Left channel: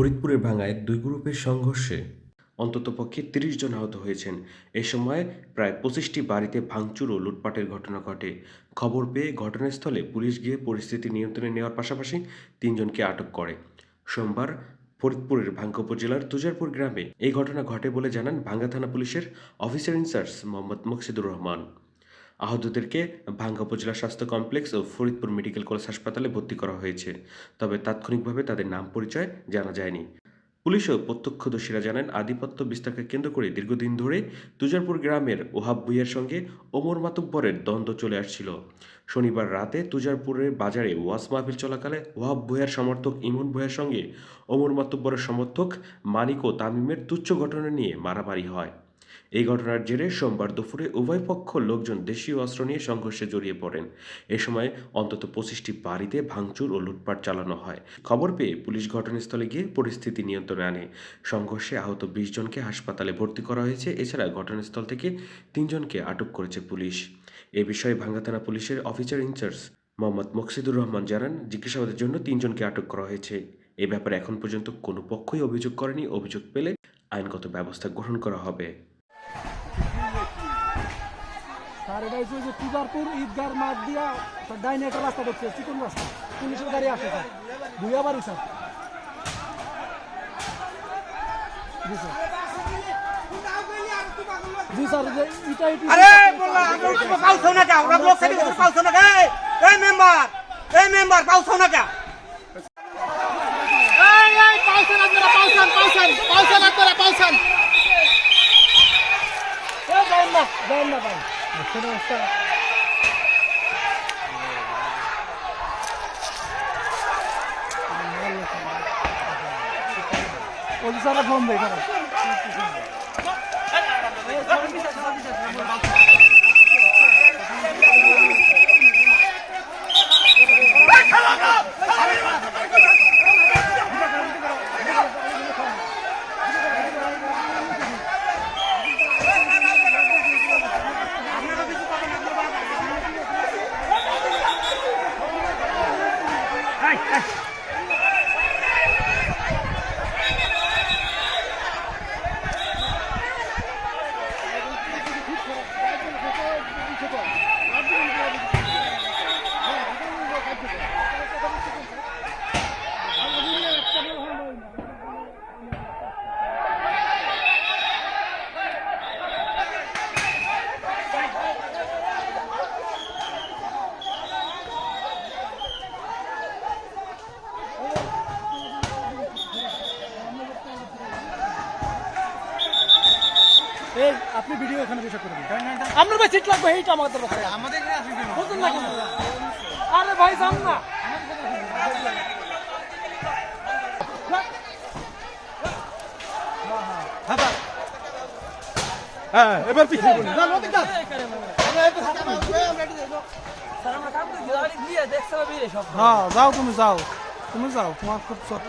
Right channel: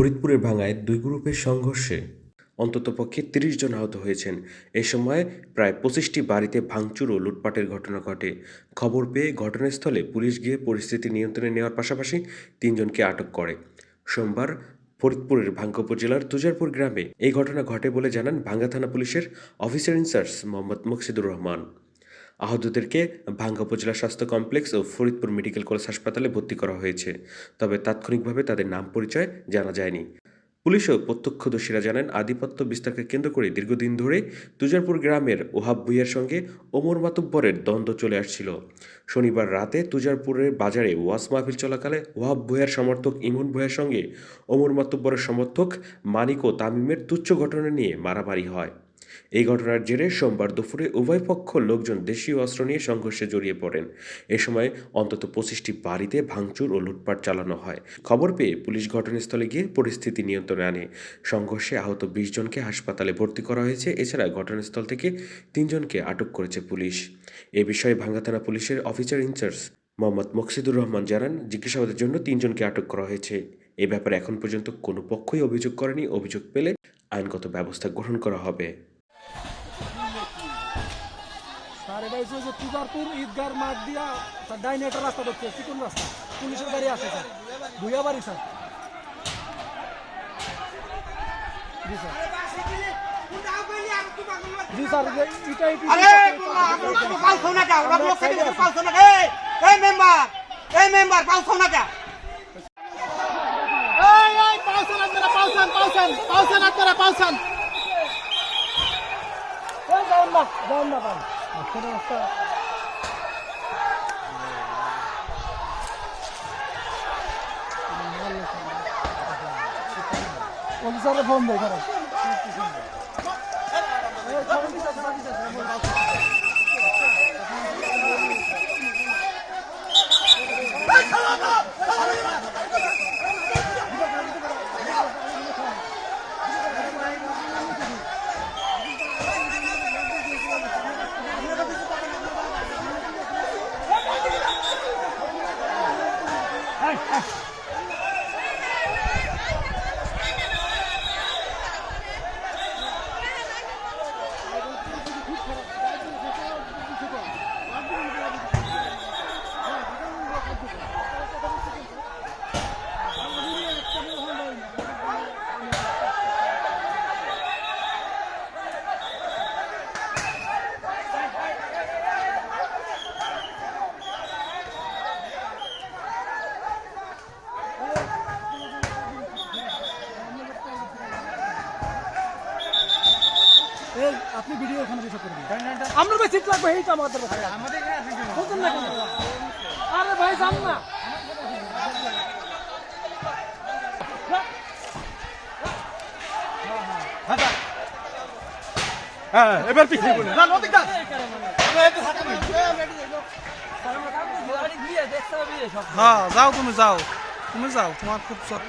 ফরিদপুরের ভাঙ্গায় দুই গ্রুপের সংঘর্ষে অন্ততপক্ষে তিরিশ জন আহত হয়েছেন। এ সময় প্রায় পঁচিশটি বাড়িতে ভাঙচুর ও লুটপাটের ঘটনা ঘটে। খবর পেয়ে ঘটনাস্থলে পুলিশ গিয়ে পরিস্থিতি নিয়ন্ত্রণে নেওয়ার পাশাপাশি তিনজনকে আটক করে। সোমবার ফরিদপুরের ভাঙ্গা উপজেলার তুজারপুর গ্রামে এই ঘটনা ঘটে বলে জানান ভাঙ্গা থানা পুলিশের officer in charge Mohammad Muksidur Rahman. আহতদেরকে Bhanga উপজেলা স্বাস্থ্য কমপ্লেক্স ও ফরিদপুর মেডিকেল কলেজ হাসপাতালে ভর্তি করা হয়েছে। তবে তাৎক্ষণিকভাবে তাদের নাম পরিচয় জানা যায়নি। পুলিশ ও প্রত্যক্ষদর্শীরা জানান, আধিপত্য বিস্তারকে কেন্দ্র করে দীর্ঘদিন ধরে তুজারপুর গ্রামের ওহাব ভুইয়ার সঙ্গে ওমর মাতুব্বরের দ্বন্দ্ব চলে আসছিল। শনিবার রাতে তুজারপুরের বাজারে ওয়াজ মাহফিল চলাকালে ওহাব ভুইয়ার সমর্থক ইমন ভুইয়ার সঙ্গে ওমর মাতুব্বরের সমর্থক মানিক ও তামিমের তুচ্ছ ঘটনা নিয়ে মারামারি হয়। এই ঘটনার জেরে সোমবার দুপুরে উভয় পক্ষ লোকজন দেশীয় অস্ত্র নিয়ে সংঘর্ষে জড়িয়ে পড়েন। এ সময় অন্তত পঁচিশটি বাড়িতে ভাঙচুর ও লুটপাট চালানো হয়। খবর পেয়ে পুলিশ ঘটনাস্থলে গিয়ে পরিস্থিতি নিয়ন্ত্রণে আনে। সংঘর্ষে আহত বিশ জনকে হাসপাতালে ভর্তি করা হয়েছে। এছাড়া ঘটনাস্থল থেকে তিনজনকে আটক করেছে পুলিশ। এ বিষয়ে ভাঙ্গা থানা পুলিশের officer in charge Mohammad Moksidur Rahman জানান, জিজ্ঞাসাবাদের জন্য তিনজনকে আটক করা হয়েছে। এ ব্যাপারে এখন পর্যন্ত কোনো পক্ষই অভিযোগ করেনি। অভিযোগ পেলে আইনগত ব্যবস্থা গ্রহণ করা হবে। স্যার এটা হচ্ছে যে পূজারপুর ঈদগার মাঠ দিয়া স্যার ডাইনে একটা রাস্তা দেখছে চিকন রাস্তা। পুলিশের গাড়ি আসে স্যার। দুইয়া বাড়ি স্যার। জি স্যার। জি স্যার যে ইটা আরে আমরা পাউছো না কেন? ওরা ব্লক তুমি পাউছো না এই এই মেম্বার এই মেম্বার পাউছো না কেন? এই এই পাউছেন আপনারা পাউছেন পাউছেন পাউছেন আপনারা পাউছেন যান না যান না ভাই আসলে রাস্তা অফিসাররা ফোন দেয় আপনি ভিডিও এখানে বসে করবেন আমরা ভাই সিট লাগবে এইটা আমাদের আমাদের? আরে ভাই জান না হ্যাঁ এবার পিছিয়ে বলুন হ্যাঁ যাও তুমি যাও তুমি যাও তোমার খুব চট